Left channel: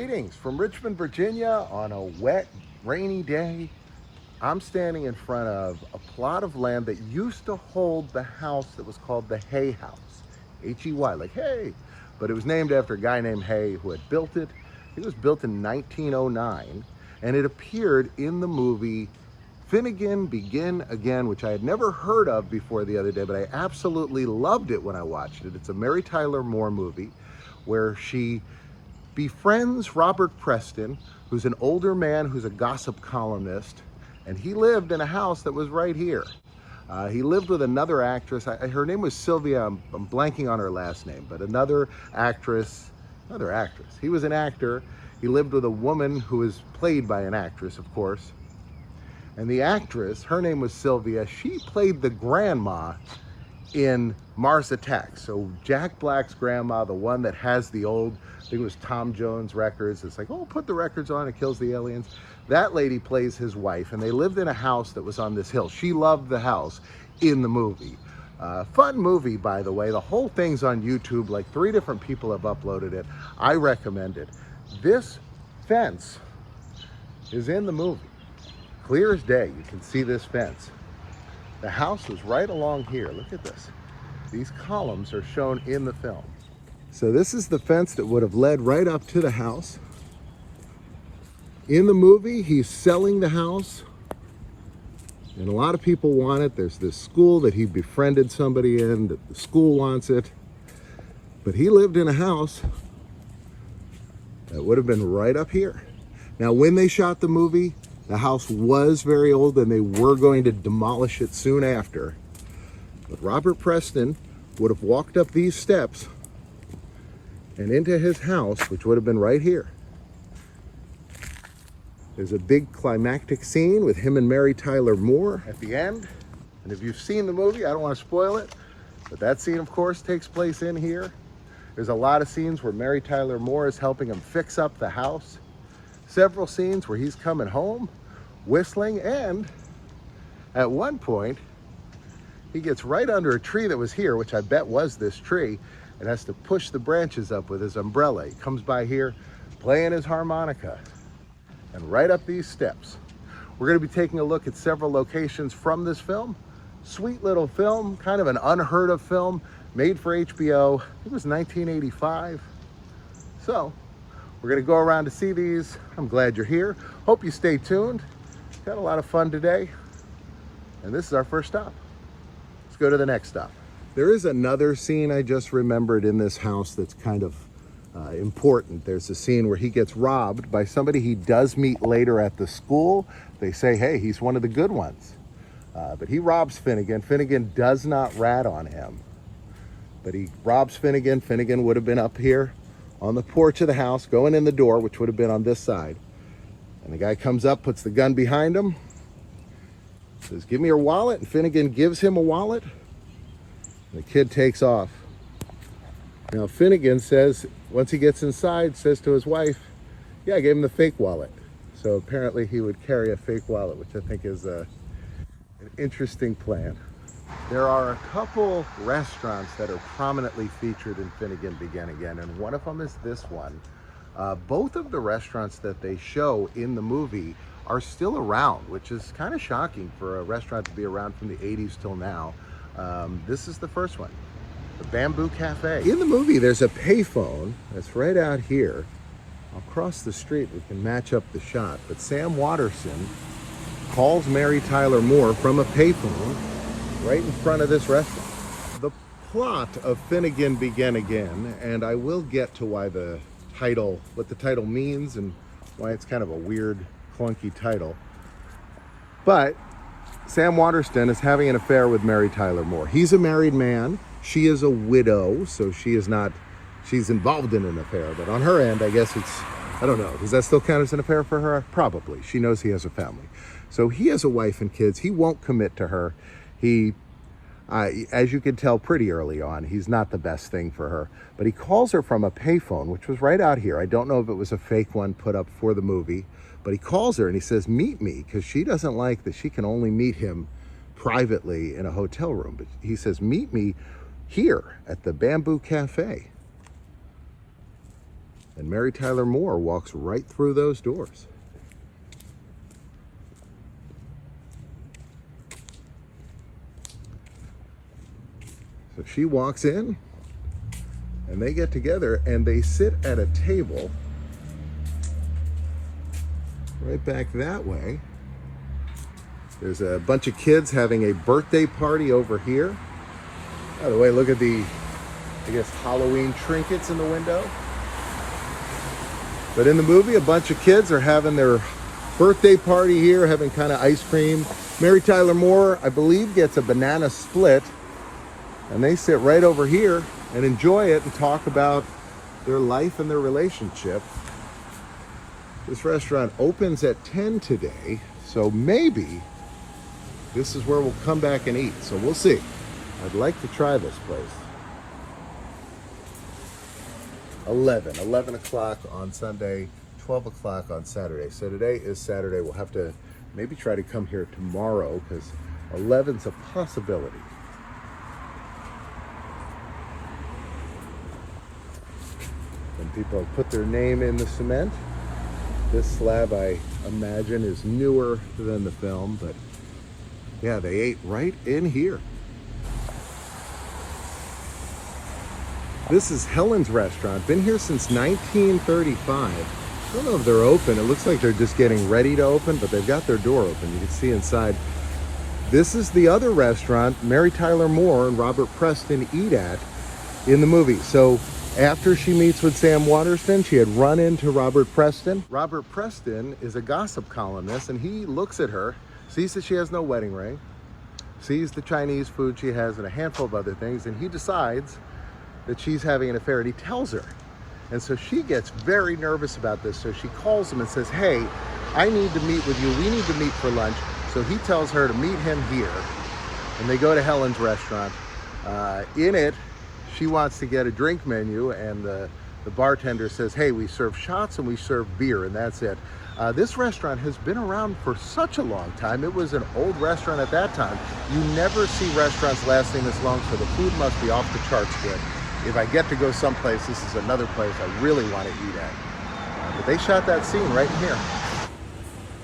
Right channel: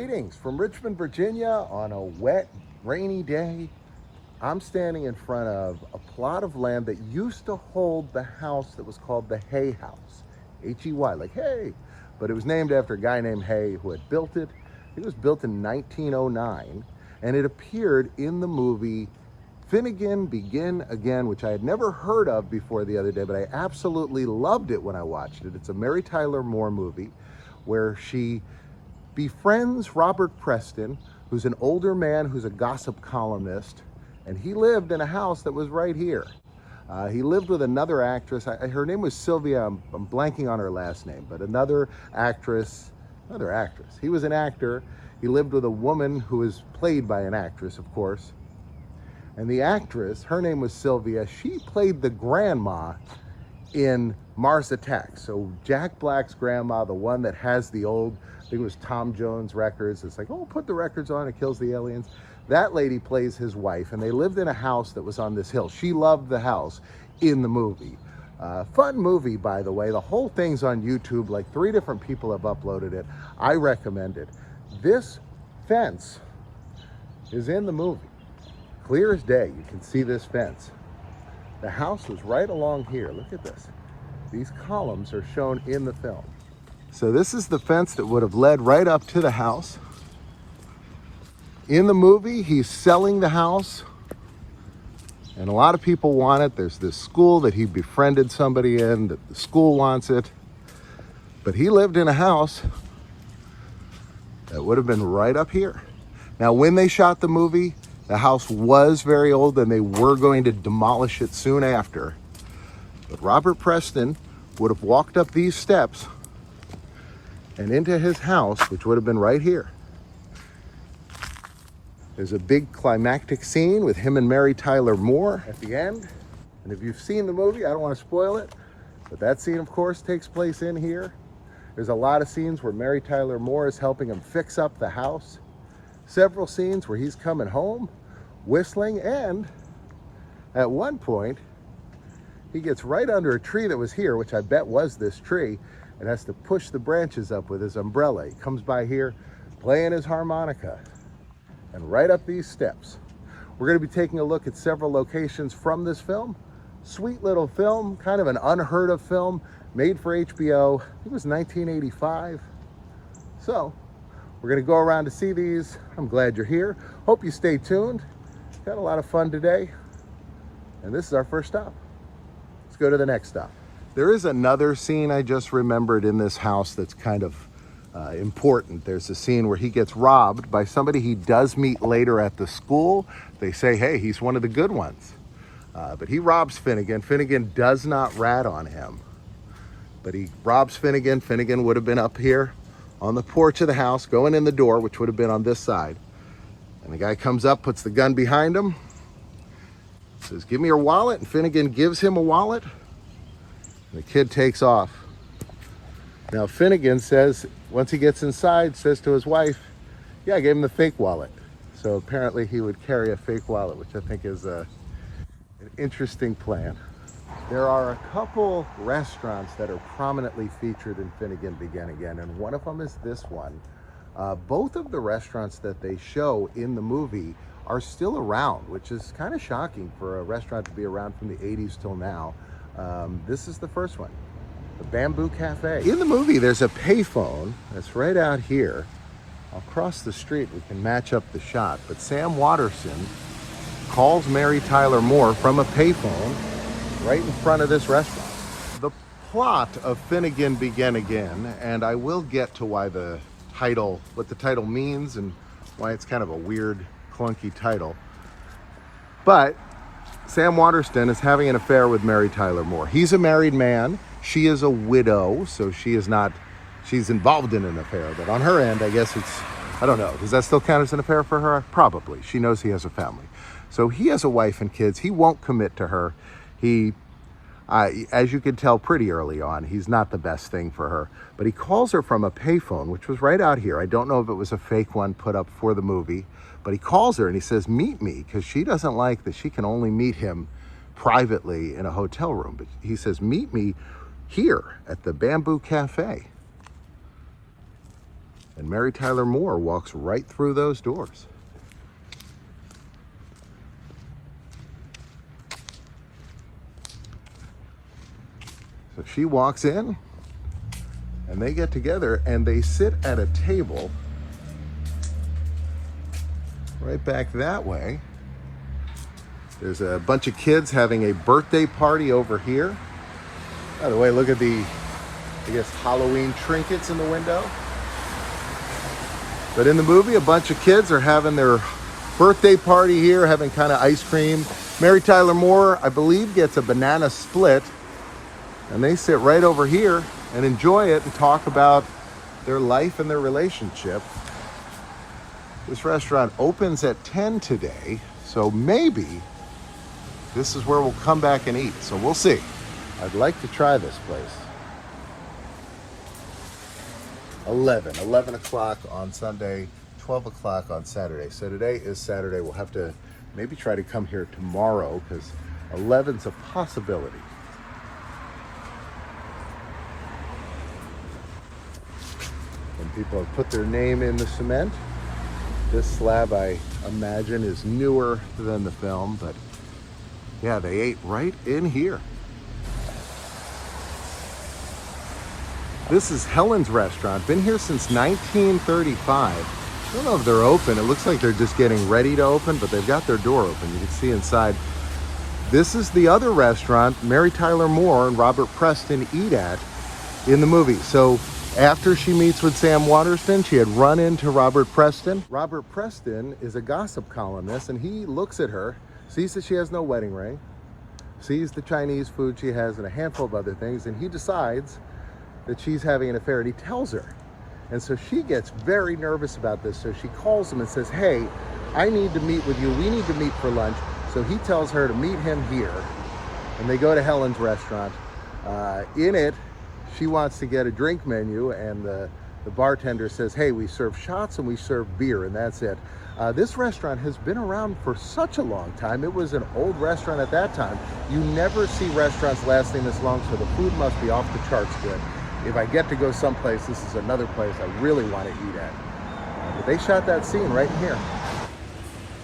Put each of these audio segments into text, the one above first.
Greetings from Richmond, Virginia on a wet, rainy day. I'm standing in front of a plot of land that used to hold the house that was called the Hay House. H-E-Y, like hay. But it was named after a guy named Hay who had built it. It was built in 1909, and it appeared in the movie Finnegan Begin Again, which I had never heard of before the other day, but I absolutely loved it when I watched it. It's a Mary Tyler Moore movie where she befriends Robert Preston, who's an older man who's a gossip columnist, and he lived in a house that was right here. He lived with another actress. Her name was Sylvia. I'm blanking on her last name, but another actress. He was an actor. He lived with a woman who was played by an actress, of course. And the actress, her name was Sylvia. She played the grandma in Mars Attacks. So Jack Black's grandma, the one that has the old, I think it was Tom Jones records. It's like, oh, put the records on, it kills the aliens. That lady plays his wife, and they lived in a house that was on this hill. She loved the house in the movie. Fun movie, by the way. The whole thing's on YouTube. Like 3 different people have uploaded it. I recommend it. This fence is in the movie. Clear as day, you can see this fence. The house was right along here. Look at this. These columns are shown in the film. So this is the fence that would have led right up to the house. In the movie, he's selling the house, and a lot of people want it. There's this school that he befriended somebody in, that the school wants it. But he lived in a house that would have been right up here. Now, when they shot the movie, the house was very old and they were going to demolish it soon after. But Robert Preston would have walked up these steps and into his house, which would have been right here. There's a big climactic scene with him and Mary Tyler Moore at the end. And if you've seen the movie, I don't want to spoil it, but that scene, of course, takes place in here. There's a lot of scenes where Mary Tyler Moore is helping him fix up the house. Several scenes where he's coming home, whistling, and at one point, he gets right under a tree that was here, which I bet was this tree, and has to push the branches up with his umbrella. He comes by here playing his harmonica. And right up these steps. We're going to be taking a look at several locations from this film. Sweet little film, kind of an unheard of film, made for HBO. I think it was 1985. So, we're going to go around to see these. I'm glad you're here. Hope you stay tuned. Got a lot of fun today. And this is our first stop. Let's go to the next stop. There is another scene I just remembered in this house that's kind of important. There's a scene where he gets robbed by somebody he does meet later at the school. They say, hey, he's one of the good ones. But he robs Finnegan. Finnegan does not rat on him. But he robs Finnegan. Finnegan would have been up here on the porch of the house, going in the door, which would have been on this side. And the guy comes up, puts the gun behind him, says, give me your wallet. And Finnegan gives him a wallet. And the kid takes off. Now Finnegan says, once he gets inside, says to his wife, yeah, I gave him the fake wallet. So apparently he would carry a fake wallet, which I think is an interesting plan. There are a couple restaurants that are prominently featured in Finnegan Begin Again, and one of them is this one. Both of the restaurants that they show in the movie are still around, which is kind of shocking for a restaurant to be around from the 80s till now. This is the first one. The Bamboo Cafe. In the movie, there's a payphone that's right out here. Across the street, we can match up the shot, but Sam Waterston calls Mary Tyler Moore from a payphone right in front of this restaurant. The plot of Finnegan Begin Again, and I will get to why the title, what the title means and why it's kind of a weird, clunky title. But Sam Waterston is having an affair with Mary Tyler Moore. He's a married man. She is a widow, so she's involved in an affair, but on her end, I guess it's, I don't know, does that still count as an affair for her? Probably. She knows he has a family. So he has a wife and kids. He won't commit to her. As you can tell pretty early on, he's not the best thing for her, but he calls her from a payphone, which was right out here. I don't know if it was a fake one put up for the movie, but he calls her and he says, meet me, because she doesn't like that she can only meet him privately in a hotel room. But he says, meet me here at the Bamboo Cafe. And Mary Tyler Moore walks right through those doors. So she walks in, and they get together, and they sit at a table right back that way. There's a bunch of kids having a birthday party over here. By the way, look at the, I guess, Halloween trinkets in the window. But in the movie, a bunch of kids are having their birthday party here, having kind of ice cream. Mary Tyler Moore, I believe, gets a banana split, and they sit right over here and enjoy it and talk about their life and their relationship. This restaurant opens at 10 today, so maybe this is where we'll come back and eat. So we'll see. I'd like to try this place. 11 o'clock on Sunday, 12 o'clock on Saturday. So today is Saturday. We'll have to maybe try to come here tomorrow because 11's a possibility. And people have put their name in the cement. This slab, I imagine, is newer than the film, but yeah, they ate right in here. This is Helen's restaurant. Been here since 1935. I don't know if they're open. It looks like they're just getting ready to open, but they've got their door open. You can see inside. This is the other restaurant Mary Tyler Moore and Robert Preston eat at in the movie. So after she meets with Sam Waterston, she had run into Robert Preston. Robert Preston is a gossip columnist, and he looks at her, sees that she has no wedding ring, sees the Chinese food she has and a handful of other things, and he decides that she's having an affair, and he tells her. And so she gets very nervous about this. So she calls him and says, hey, I need to meet with you. We need to meet for lunch. So he tells her to meet him here, and they go to Helen's restaurant. In it, she wants to get a drink menu, and the bartender says, hey, we serve shots and we serve beer, and that's it. This restaurant has been around for such a long time. It was an old restaurant at that time. You never see restaurants lasting this long, so the food must be off the charts good. If I get to go someplace, this is another place I really want to eat at. But they shot that scene right in here.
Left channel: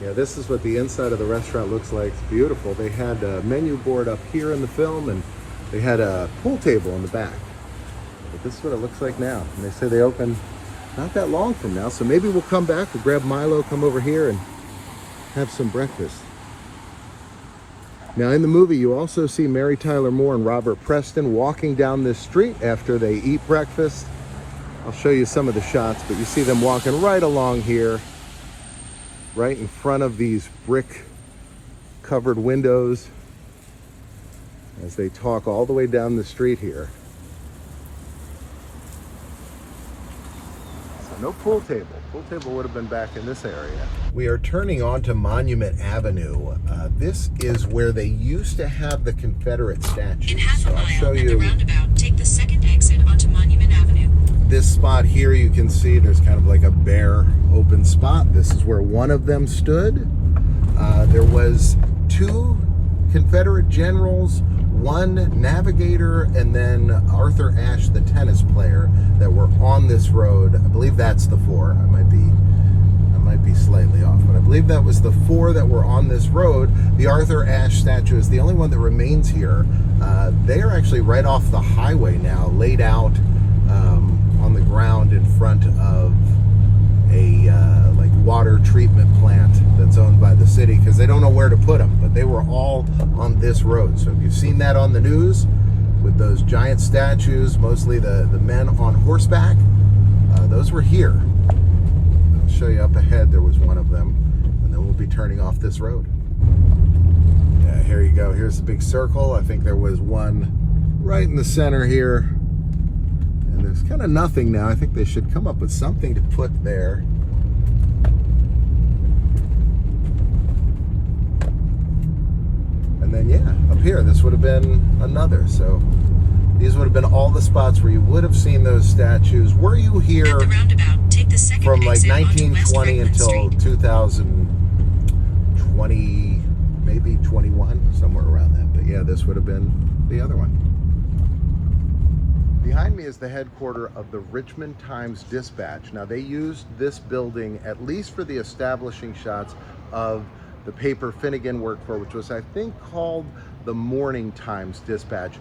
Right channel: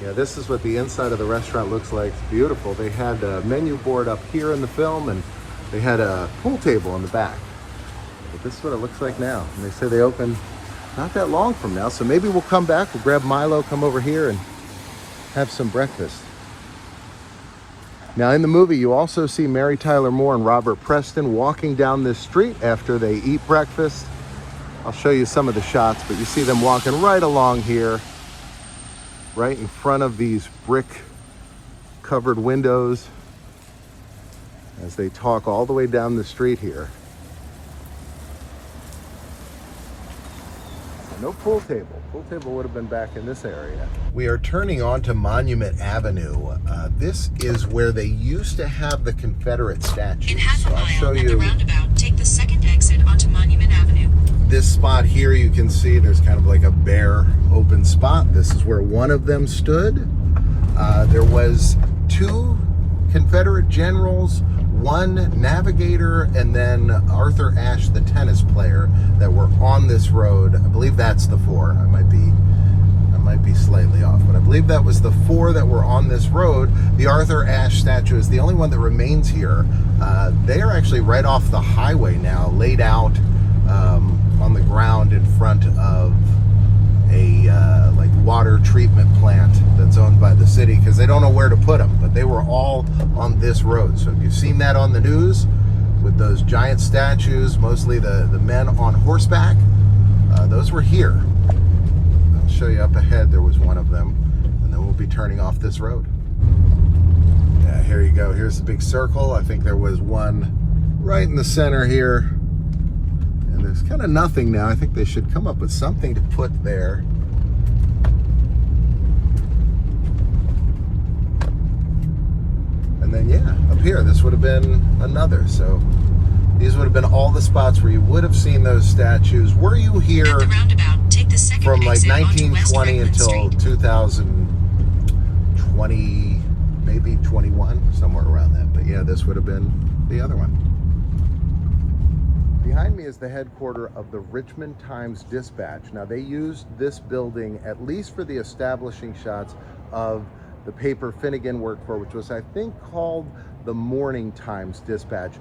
Yeah, this is what the inside of the restaurant looks like. It's beautiful. They had a menu board up here in the film, and they had a pool table in the back. But this is what it looks like now. And they say they open not that long from now, so maybe we'll come back, we'll grab Milo, come over here and have some breakfast. Now in the movie, you also see Mary Tyler Moore and Robert Preston walking down this street after they eat breakfast. I'll show you some of the shots, but you see them walking right along here, right in front of these brick covered windows as they talk all the way down the street here. No pool table. Pool table would have been back in this area. We are turning onto Monument Avenue. This is where they used to have the Confederate statues. In half a mile at the roundabout, take the second exit onto Monument Avenue. This spot here, you can see there's kind of like a bare open spot. This is where one of them stood. There was two Confederate generals, one navigator, and then Arthur Ashe, the tennis player, that were on this road. I believe that's the four. I might be slightly off, but I believe that was the four that were on this road. The Arthur Ashe statue is the only one that remains here. They are actually right off the highway now, laid out on the ground in front of a like water treatment plant that's owned by the city, because they don't know where to put them, but they were all on this road. So if you've seen that on the news with those giant statues, mostly the men on horseback, those were here. I'll show you up ahead, there was one of them, and then we'll be turning off this road. Yeah, here you go, here's the big circle. I think there was one right in the center here, and there's kind of nothing now. I think they should come up with something to put there. And then yeah, up here, this would have been another. So these would have been all the spots where you would have seen those statues. Were you here from like 1920 until 2020, maybe 21, somewhere around that. But yeah, this would have been the other one. Behind me is the headquarters of the Richmond Times-Dispatch. Now, they used this building at least for the establishing shots of the paper Finnegan worked for, which was, I think, called the Morning Times-Dispatch.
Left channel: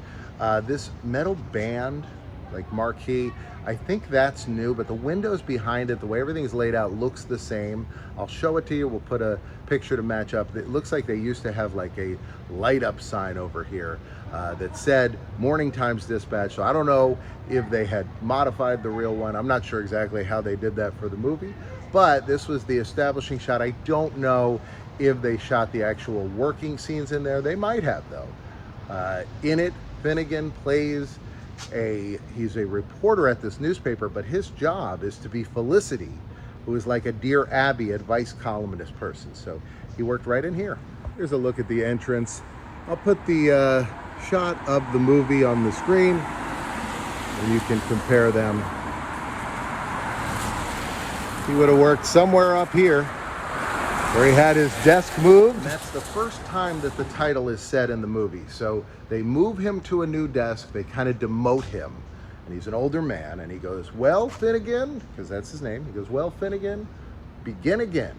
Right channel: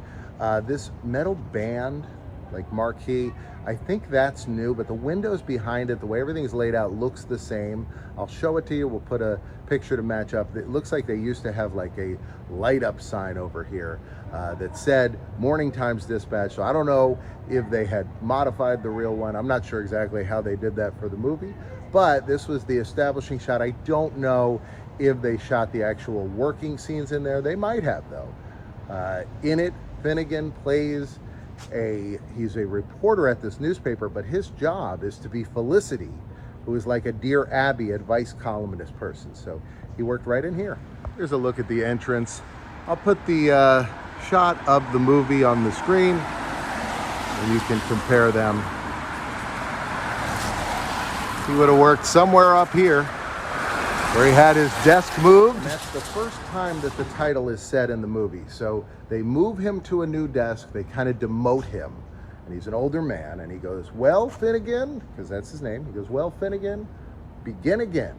This metal band, like marquee, I think that's new, but the windows behind it, the way everything's laid out, looks the same. I'll show it to you. We'll put a picture to match up. It looks like they used to have like a light up sign over here that said Morning Times Dispatch. So I don't know if they had modified the real one. I'm not sure exactly how they did that for the movie, but this was the establishing shot. I don't know if they shot the actual working scenes in there. They might have, though. In it, Finnegan plays he's a reporter at this newspaper, but his job is to be Felicity, who is like a Dear Abby advice columnist person. So he worked right in here. Here's a look at the entrance. I'll put the shot of the movie on the screen and you can compare them. He would have worked somewhere up here where he had his desk moved. And that's the first time that the title is said in the movie. So they move him to a new desk, they kind of demote him, and he's an older man, and he goes, "Well, Finnegan," because that's his name, he goes, "Well, Finnegan, begin again."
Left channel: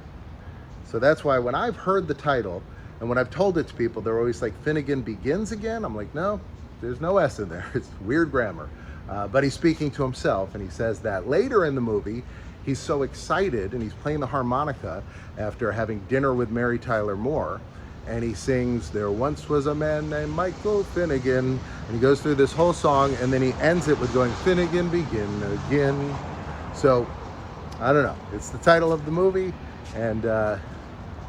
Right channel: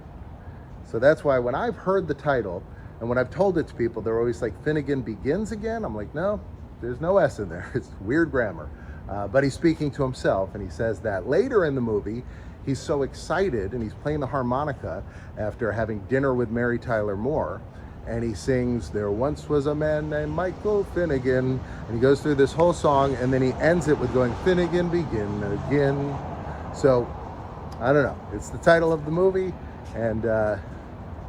So that's why when I've heard the title, and when I've told it to people, they're always like, "Finnegan begins again?" I'm like, no, there's no S in there. It's weird grammar. But he's speaking to himself, and he says that. Later in the movie, he's so excited, and he's playing the harmonica after having dinner with Mary Tyler Moore, and he sings, "There once was a man named Michael Finnegan," and he goes through this whole song, and then he ends it with going, "Finnegan, begin again." So, I don't know. It's the title of the movie, and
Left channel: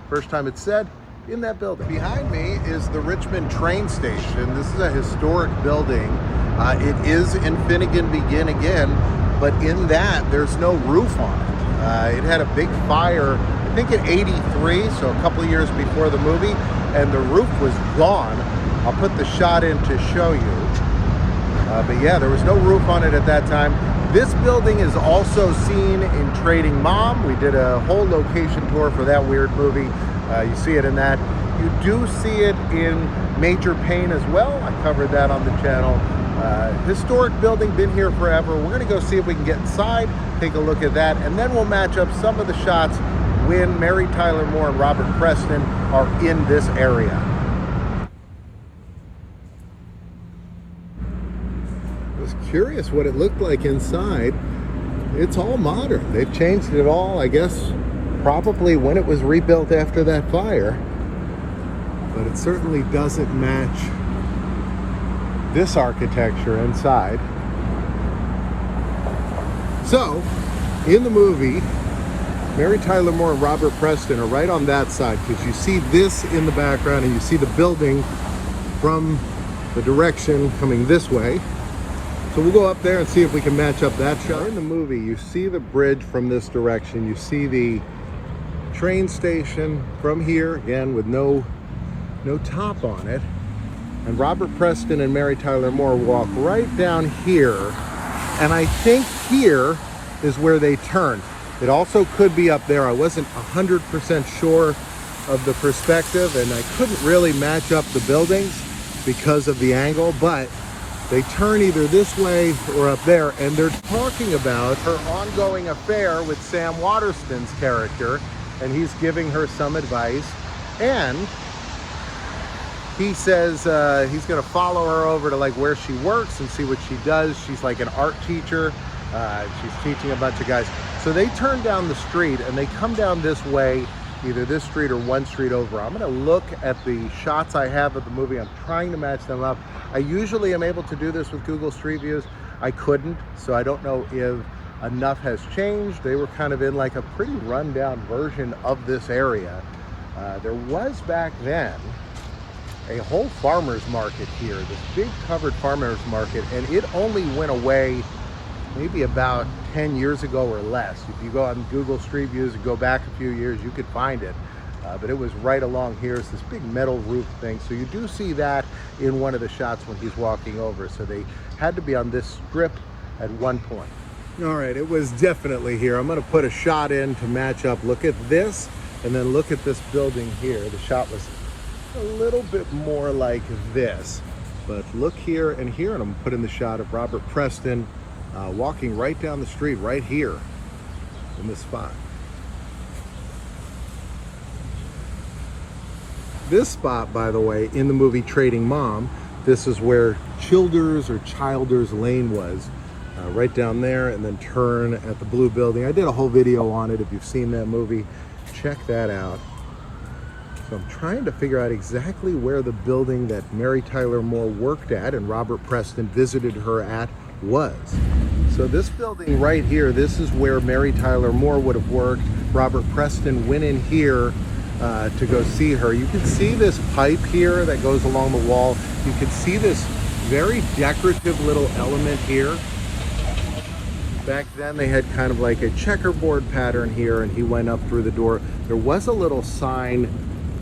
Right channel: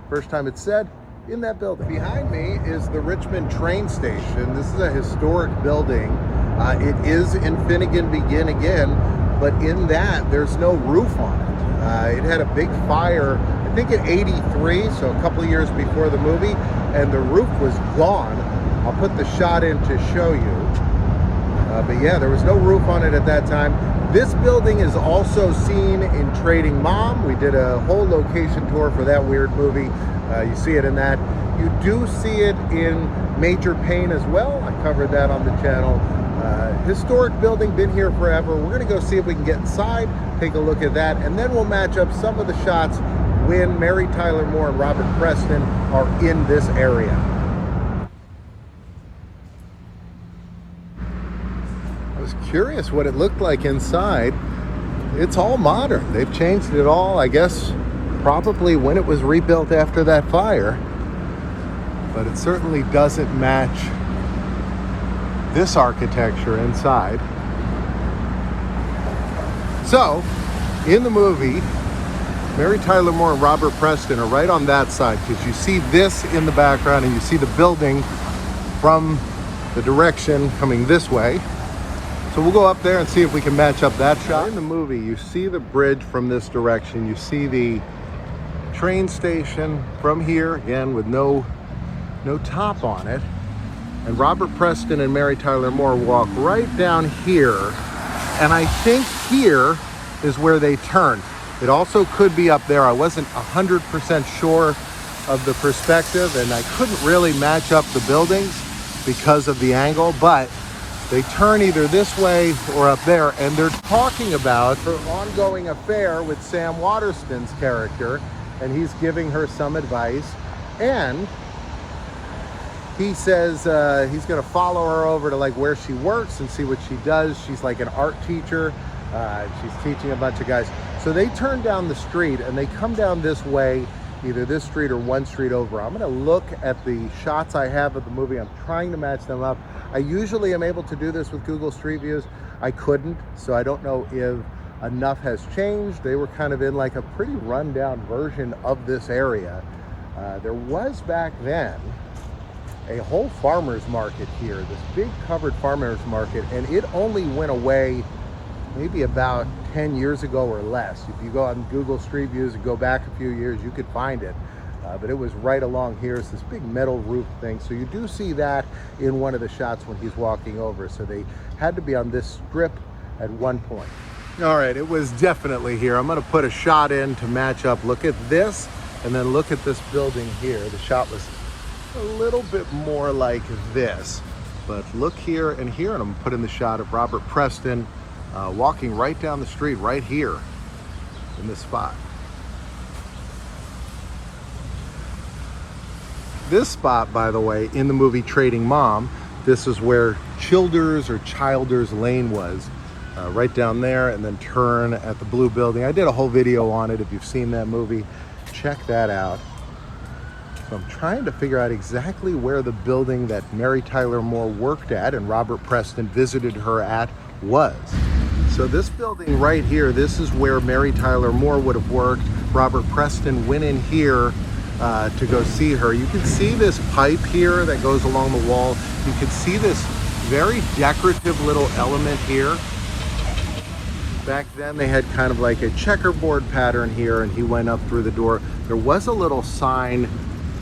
first time it's said in that building. Behind me is the Richmond train station. This is a historic building. It is in Finnegan Begin Again, but in that, there's no roof on it. It had a big fire, I think in '83, so a couple of years before the movie, and the roof was gone. I'll put the shot in to show you. But yeah, there was no roof on it at that time. This building is also seen in Trading Mom. We did a whole location tour for that weird movie. You see it in that. You do see it in Major Payne as well. I covered that on the channel. Historic building, been here forever. We're gonna go see if we can get inside, take a look at that, and then we'll match up some of the shots when Mary Tyler Moore and Robert Preston are in this area. I was curious what it looked like inside. It's all modern. They've changed it all, I guess, probably when it was rebuilt after that fire. But it certainly doesn't match this architecture inside. So, in the movie, Mary Tyler Moore and Robert Preston are right on that side, because you see this in the background and you see the building from the direction coming this way. So we'll go up there and see if we can match up that shot. In the movie, you see the bridge from this direction. You see the train station from here, again, with no top on it. And Robert Preston and Mary Tyler Moore walk right down here. And I think here is where they turn. It also could be up there. I wasn't 100% sure of the perspective, and I couldn't really match up the buildings because of the angle, but they turn either this way or up there, and they're talking about her ongoing affair with Sam Waterston's character, and he's giving her some advice, and he says he's gonna follow her over to like where she works and see what she does. She's like an art teacher. She's teaching a bunch of guys. So they turn down the street and they come down this way, either this street or one street over. I'm gonna look at the shots I have of the movie. I'm trying to match them up. I usually am able to do this with Google Street Views. I couldn't, so I don't know if enough has changed. They were kind of in like a pretty rundown version of this area. There was back then a whole farmer's market here, this big covered farmer's market, and it only went away maybe about 10 years ago or less. If you go on Google Street Views and go back a few years, you could find it. But it was right along here. It's this big metal roof thing. So you do see that in one of the shots when he's walking over. So they had to be on this strip at one point. All right, it was definitely here. I'm gonna put a shot in to match up. Look at this, and then look at this building here. The shot was a little bit more like this. But look here and here, and I'm putting the shot of Robert Preston walking right down the street right here in this spot. This spot, by the way, in the movie Trading Mom, this is where Childers Lane was, right down there, and then turn at the blue building. I did a whole video on it. If you've seen that movie, check that out. So I'm trying to figure out exactly where the building that Mary Tyler Moore worked at and Robert Preston visited her at was. So this building right here, this is where Mary Tyler Moore would have worked. Robert Preston went in here to go see her. You can see this pipe here that goes along the wall. You can see this very decorative little element here. Back then they had kind of like a checkerboard pattern here, and he went up through the door. There was a little sign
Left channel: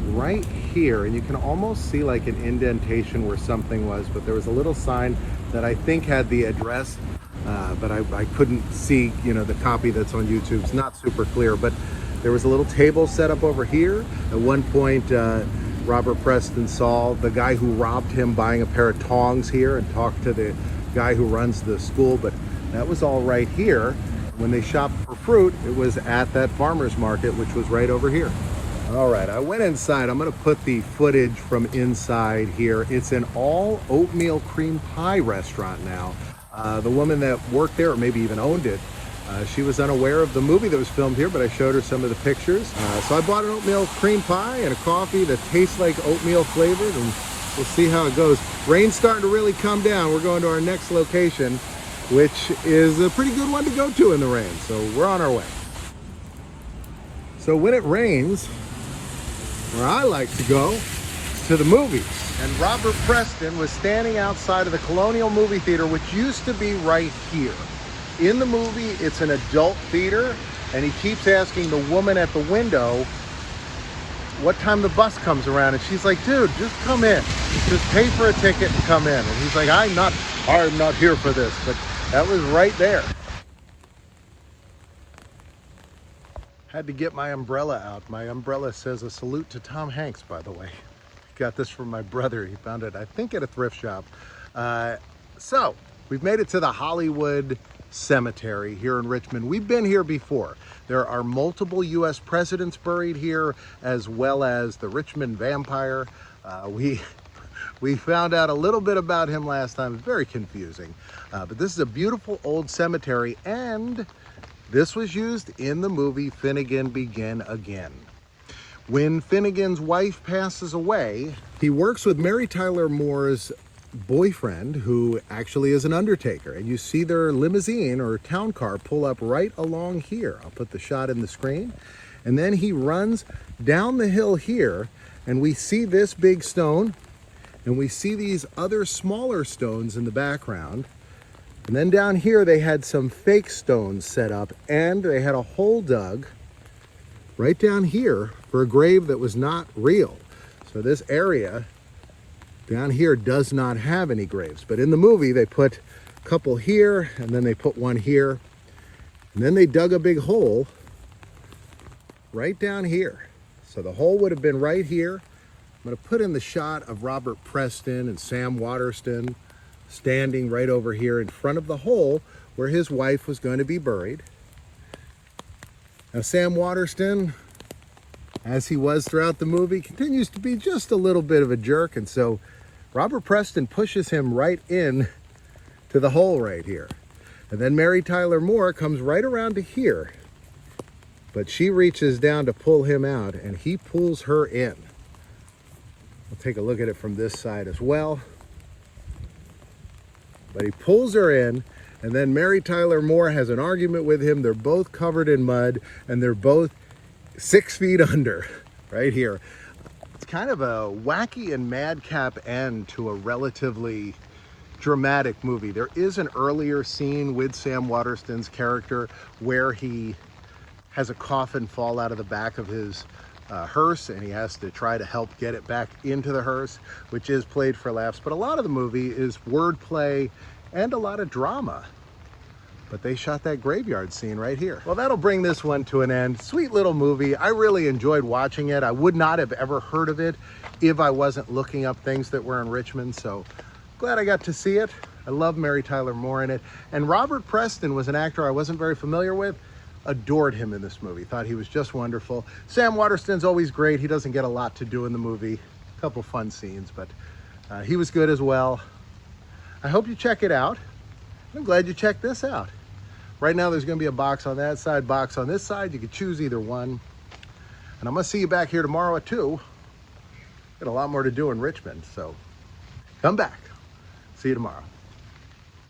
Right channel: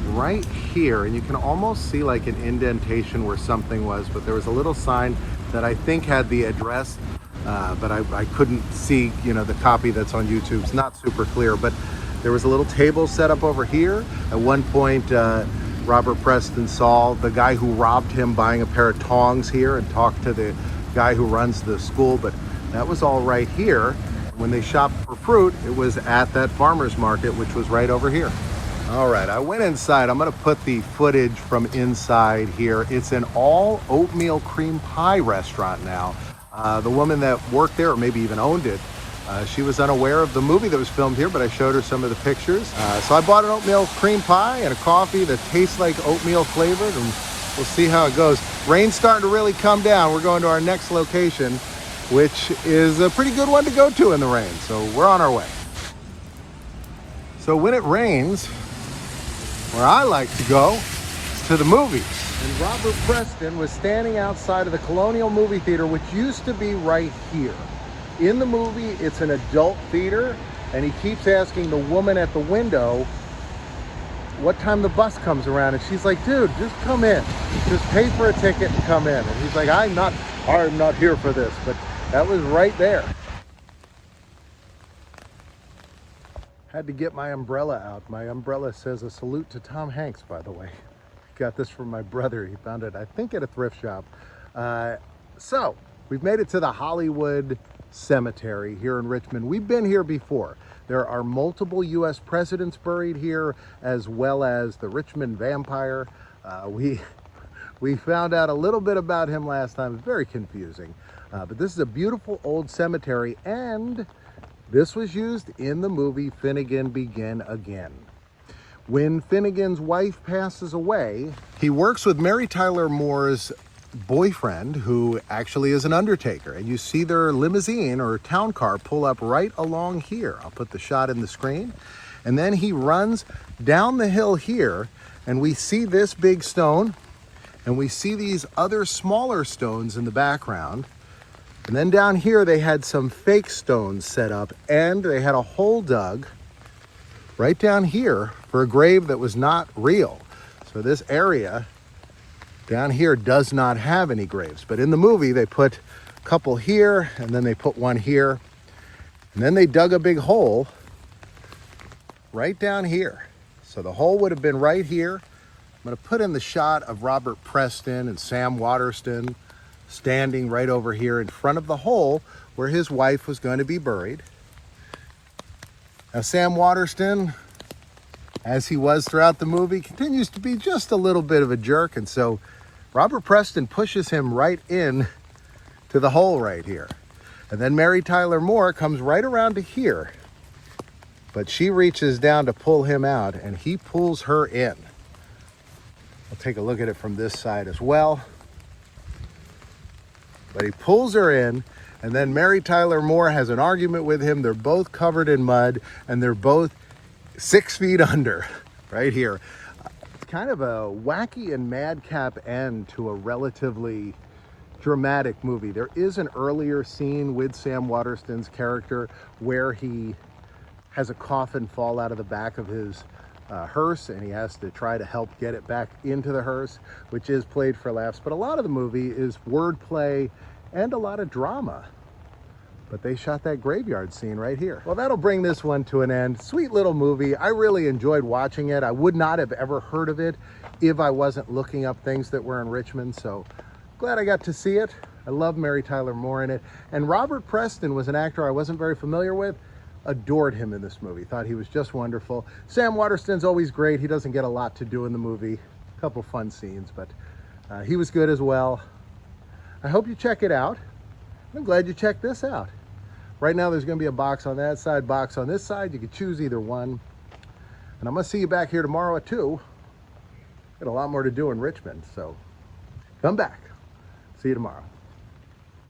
right here, and you can almost see like an indentation where something was, but there was a little sign that I think had the address, but I couldn't see, you know, the copy that's on YouTube. It's not super clear, but there was a little table set up over here. At one point, Robert Preston saw the guy who robbed him buying a pair of tongs here and talked to the guy who runs the school, but that was all right here. When they shopped for fruit, it was at that farmer's market, which was right over here. All right, I went inside. I'm gonna put the footage from inside here. It's an all oatmeal cream pie restaurant now. The woman that worked there, or maybe even owned it, she was unaware of the movie that was filmed here, but I showed her some of the pictures. So I bought an oatmeal cream pie and a coffee that tastes like oatmeal flavored, and we'll see how it goes. Rain's starting to really come down. We're going to our next location, which is a pretty good one to go to in the rain. So we're on our way. So when it rains, where I like to go is to the movies. And Robert Preston was standing outside of the Colonial Movie Theater, which used to be right here. In the movie, it's an adult theater, and he keeps asking the woman at the window what time the bus comes around, and she's like, dude, just come in. Just pay for a ticket and come in. And he's like, I'm not here for this, but that was right there. Had to get my umbrella out. My umbrella says a salute to Tom Hanks, by the way. Got this from my brother. He found it, I think, at a thrift shop. So we've made it to the Hollywood Cemetery here in Richmond. We've been here before. There are multiple US presidents buried here, as well as the Richmond vampire. We found out a little bit about him last time. It's very confusing. But this is a beautiful old cemetery, and this was used in the movie Finnegan Begin Again. When Finnegan's wife passes away, he works with Mary Tyler Moore's boyfriend, who actually is an undertaker, and you see their limousine or town car pull up right along here. I'll put the shot in the screen, and then he runs down the hill here, and we see this big stone, and we see these other smaller stones in the background. And then down here they had some fake stones set up, and they had a hole dug right down here for a grave that was not real. So this area down here does not have any graves, but in the movie they put a couple here, and then they put one here, and then they dug a big hole right down here. So the hole would have been right here. I'm going to put in the shot of Robert Preston and Sam Waterston standing right over here in front of the hole where his wife was going to be buried. Now Sam Waterston, as he was throughout the movie, continues to be just a little bit of a jerk, and so Robert Preston pushes him right in to the hole right here. And then Mary Tyler Moore comes right around to here, but she reaches down to pull him out, and he pulls her in. We'll take a look at it from this side as well. But he pulls her in, and then Mary Tyler Moore has an argument with him. They're both covered in mud, and they're both 6 feet under right here. It's kind of a wacky and madcap end to a relatively dramatic movie. There is an earlier scene with Sam Waterston's character where he has a coffin fall out of the back of his hearse, and he has to try to help get it back into the hearse, which is played for laughs. But a lot of the movie is wordplay and a lot of drama. But they shot that graveyard scene right here. Well, that'll bring this one to an end. Sweet little movie. I really enjoyed watching it. I would not have ever heard of it if I wasn't looking up things that were in Richmond. So glad I got to see it. I love Mary Tyler Moore in it. And Robert Preston was an actor I wasn't very familiar with. Adored him in this movie. Thought he was just wonderful. Sam Waterston's always great. He doesn't get a lot to do in the movie. A couple fun scenes, but he was good as well. I hope you check it out. I'm glad you checked this out. Right now there's going to be a box on that side, box on this side. You can choose either one. And I'm going to see you back here tomorrow at 2. Got a lot more to do in Richmond, so come back. See you tomorrow.